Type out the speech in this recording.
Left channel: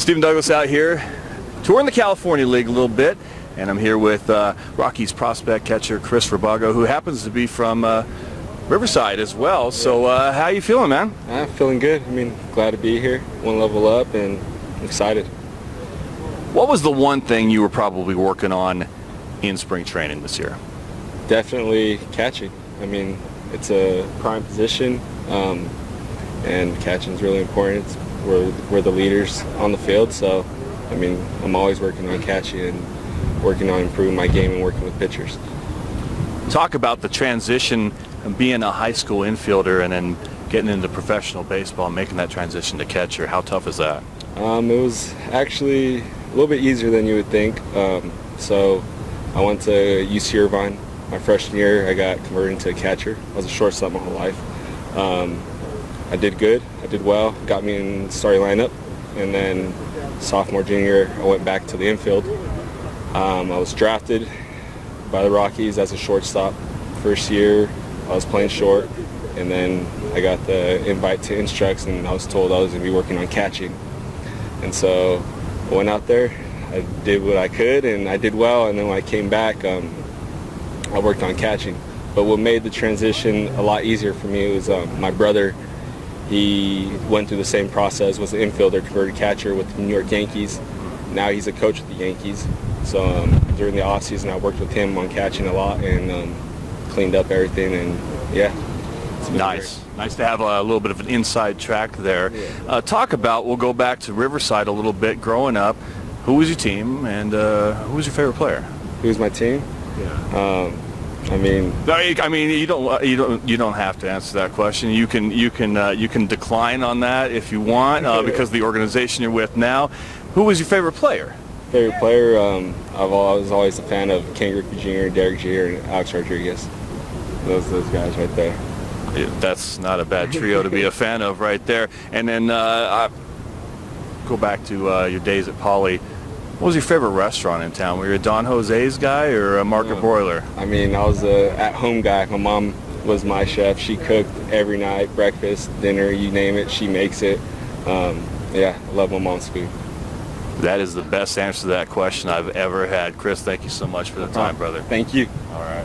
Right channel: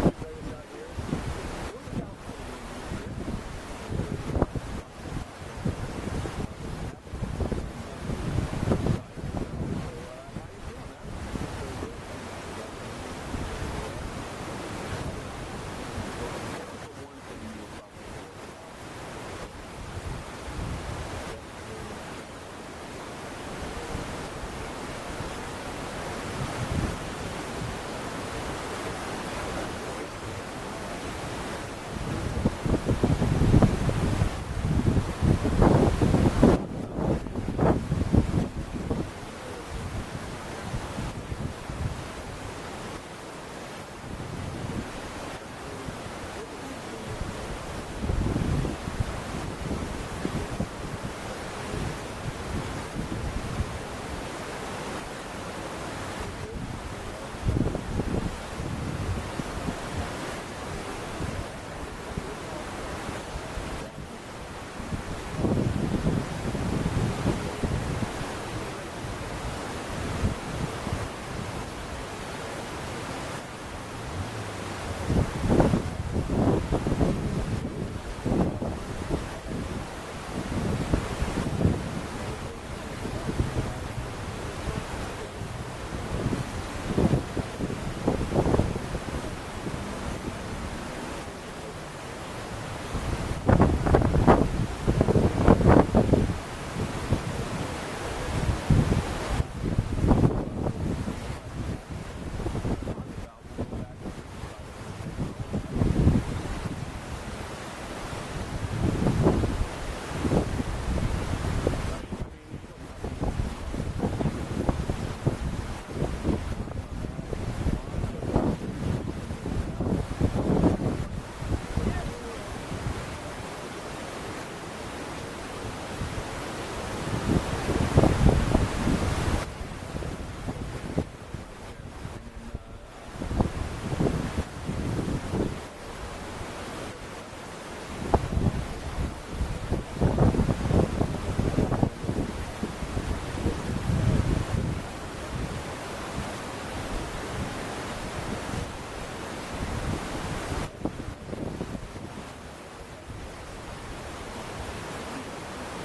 Stephen Douglas out here, touring the California League a little bit, and I'm here with Rockies prospect catcher Chris Rabago, who happens to be from Riverside as well. So how you feeling, man? I'm feeling good. I mean, glad to be here, one level up, and excited. What was the one thing you were probably working on in spring training this year? Definitely catching. I mean, it's a prime position, and catching is really important. We're the leaders on the field, so I mean, I'm always working on catching and working on improving my game and working with pitchers. Talk about the transition of being a high school infielder and then getting into professional baseball and making that transition to catcher. How tough is that? It was actually a little bit easier than you would think. So I went to UC Irvine. My freshman year, I got converted into a catcher. I was a shortstop my whole life. I did good. I did well. Got me in the starting lineup. And then sophomore, junior, I went back to the infield. I was drafted by the Rockies as a shortstop. First year, I was playing short. And then I got the invite to Instructs, and I was told I was going to be working on catching. And so I went out there. I did what I could, and I did well. And then when I came back, I worked on catching. But what made the transition a lot easier for me was my brother. He went through the same process, was an infielder, converted catcher with the New York Yankees. Now he's a coach with the Yankees. So during the offseason, I worked with him on catching a lot and cleaned up everything. And yeah. Nice. Great. Nice to have a little bit of an inside track there. Talk about, we'll go back to Riverside a little bit. Growing up, who was your team and who was your favorite player? Who was my team? Yeah. I mean, you don't have to answer that question. You can decline on that if you want, because of the organization you're with now. Who was your favorite player? Favorite player, I was always a fan of Ken Griffey Jr., Derek Jeter, and Alex Rodriguez. Those guys right there. That's not a bad trio to be a fan of right there. And then go back to your days at Poly. What was your favorite restaurant in town? Were you a Don Jose's guy or a Market Broiler? I mean, I was an at-home guy. My mom was my chef. She cooked every night, breakfast, dinner, you name it, she makes it. Yeah, I love my mom's food. That is the best answer to that question I've ever had. Chris, thank you so much for the time, brother. Thank you. All right.